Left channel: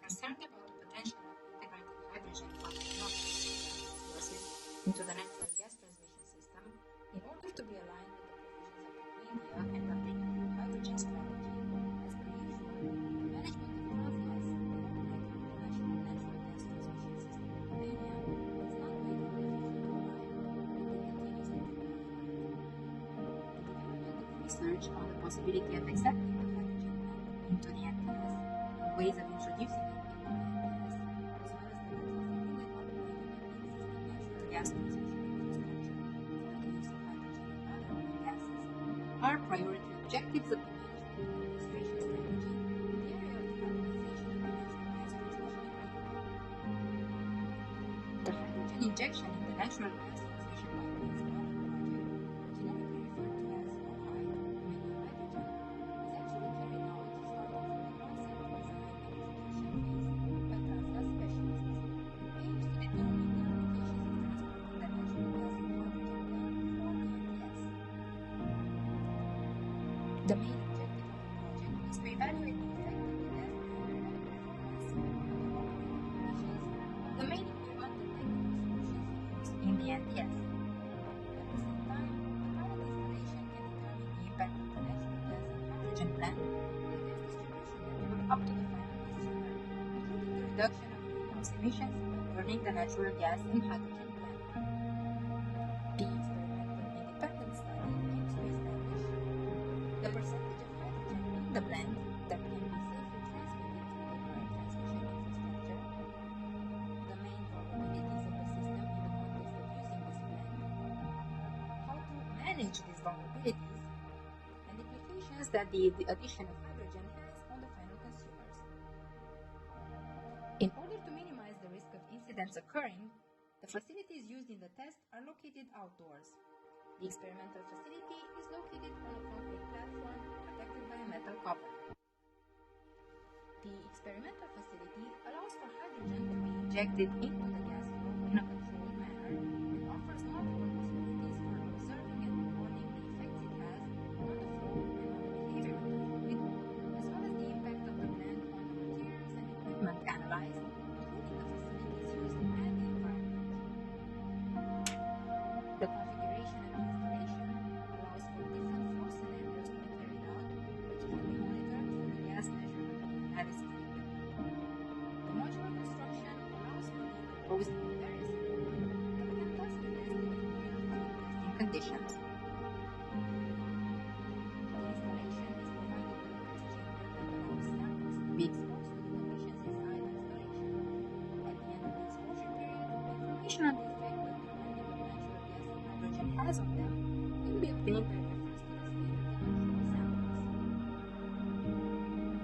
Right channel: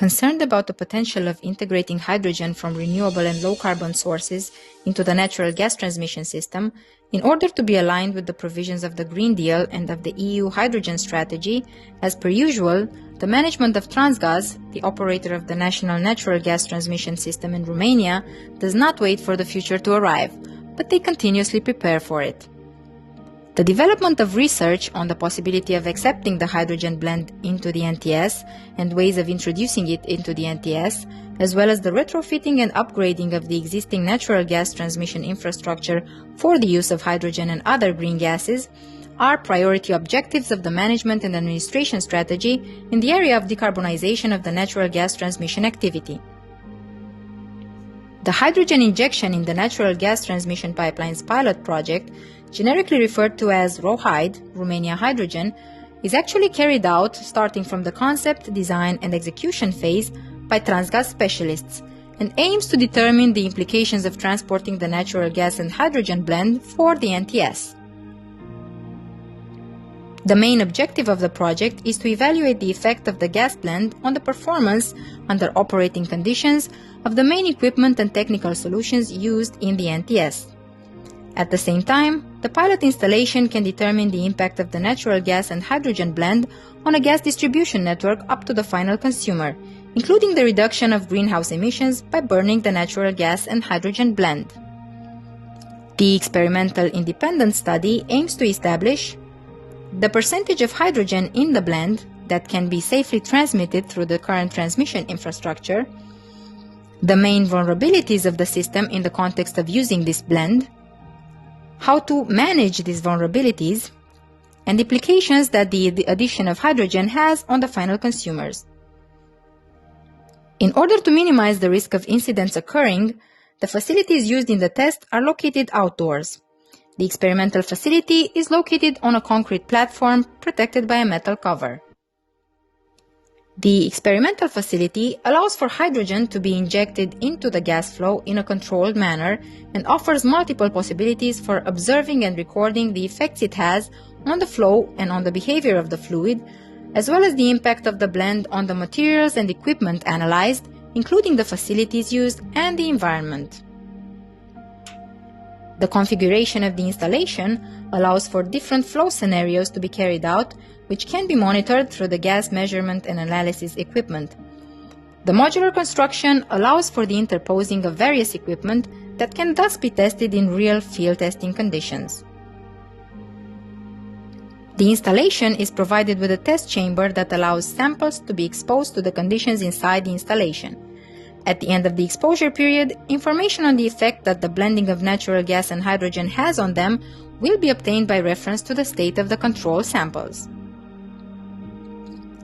Concerned about the potential of integrating hydrogen from renewable and low-carbon sources into the natural gas transmission system, in order to be aligned with the provisions of the Green Deal and of the EU hydrogen strategy, as per usual, the management of Transgaz, the operator of the national natural gas transmission system in Romania, does not wait for the future to arrive, but they continuously prepare for it. The development of research on the possibility of accepting the hydrogen blend into the NTS and ways of introducing it into the NTS, as well as the retrofitting and upgrading of the existing natural gas transmission infrastructure for the use of hydrogen and other green gases, are priority objectives of the management and administration strategy in the area of decarbonization of the natural gas transmission activity. The hydrogen injection in the natural gas transmission pipelines pilot project, generically referred to as RoHyd, Romania Hydrogen, is actually carried out starting from the concept, design and execution phase by Transgaz specialists and aims to determine the implications of transporting the natural gas and hydrogen blend for the NTS. The main objective of the project is to evaluate the effect of the gas blend on the performance under operating conditions of the main equipment and technical solutions used in the NTS. At the same time, the pilot installation can determine the impact of the natural gas and hydrogen blend on a gas distribution network up to the final consumer, including the reduction of greenhouse emissions by burning the natural gas and hydrogen blend. The experimental independent study aims to establish the percentage of hydrogen in the blend that can be safely transmitted through the current transmission infrastructure, the main vulnerabilities of the system in the context of using this blend, how to manage these vulnerabilities, and the implications that the addition of hydrogen has on the final consumers. In order to minimize the risk of incidents occurring, the facilities used in the test are located outdoors. The experimental facility is located on a concrete platform protected by a metal cover. The experimental facility allows for hydrogen to be injected into the gas flow in a controlled manner and offers multiple possibilities for observing and recording the effects it has on the flow and on the behavior of the fluid, as well as the impact of the blend on the materials and equipment analyzed, including the facilities used and the environment. The configuration of the installation allows for different flow scenarios to be carried out, which can be monitored through the gas measurement and analysis equipment. The modular construction allows for the interposing of various equipment that can thus be tested in real field testing conditions. The installation is provided with a test chamber that allows samples to be exposed to the conditions inside the installation. At the end of the exposure period, information on the effect that the blending of natural gas and hydrogen has on them will be obtained by reference to the state of the control samples.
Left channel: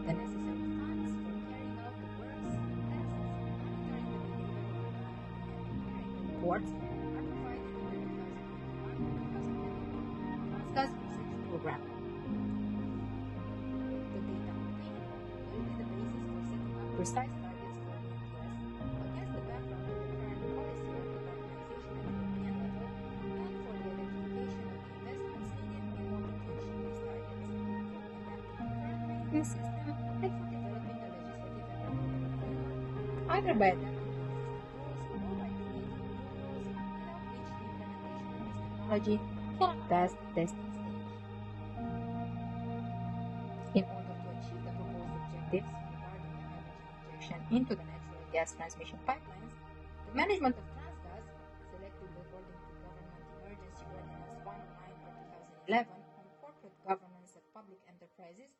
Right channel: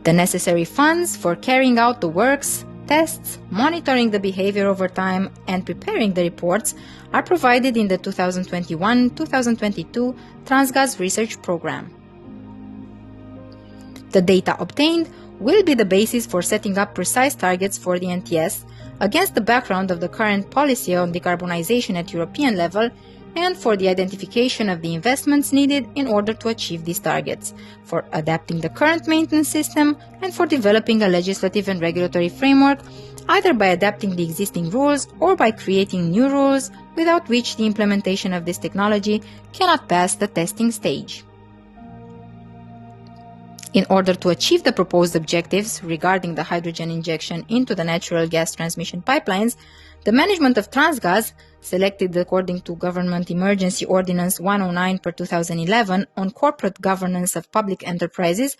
The necessary funds for carrying out the works, tests, monitoring the behavior over time, and preparing the reports are provided in the 2021-2022 Transgaz Research Program. The data obtained will be the basis for setting up precise targets for the NTS against the background of the current policy on decarbonization at European level and for the identification of the investments needed in order to achieve these targets, for adapting the current maintenance system, and for developing a legislative and regulatory framework, either by adapting the existing rules or by creating new rules, without which the implementation of this technology cannot pass the testing stage. In order to achieve the proposed objectives regarding the hydrogen injection into the natural gas transmission pipelines, the management of Transgaz, selected according to Government Emergency Ordinance 109/2011 on corporate governance of public enterprises,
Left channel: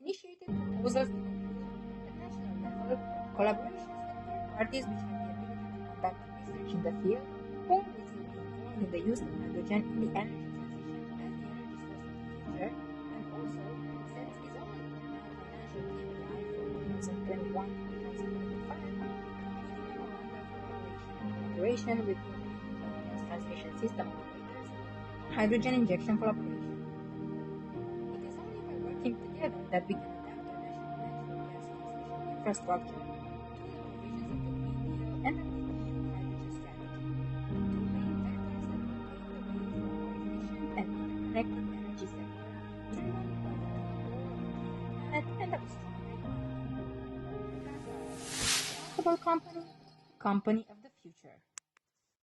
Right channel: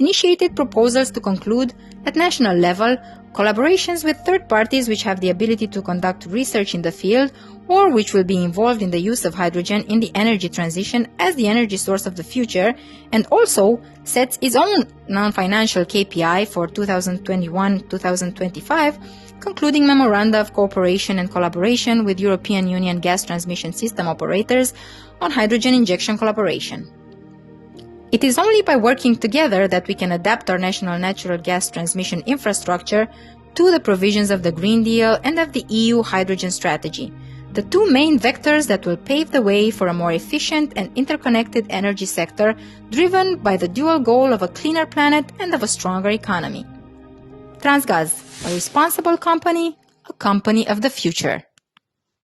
initiated proposals to conclude, at national level, collaborations with third parties which have the ability to conduct research in the field or which will be involved in the use of hydrogen in the energy transition as the energy source of the future, and also sets its own non-financial KPI for 2021-2025, concluding memoranda of cooperation and collaboration with European Union gas transmission system operators on hydrogen injection collaboration. It is only by working together that we can adapt our national natural gas transmission infrastructure to the provisions of the Green Deal and of the EU hydrogen strategy, the two main vectors that will pave the way for a more efficient and interconnected energy sector driven by the dual goal of a cleaner planet and of a stronger economy. Transgaz, a responsible company, a company of the future.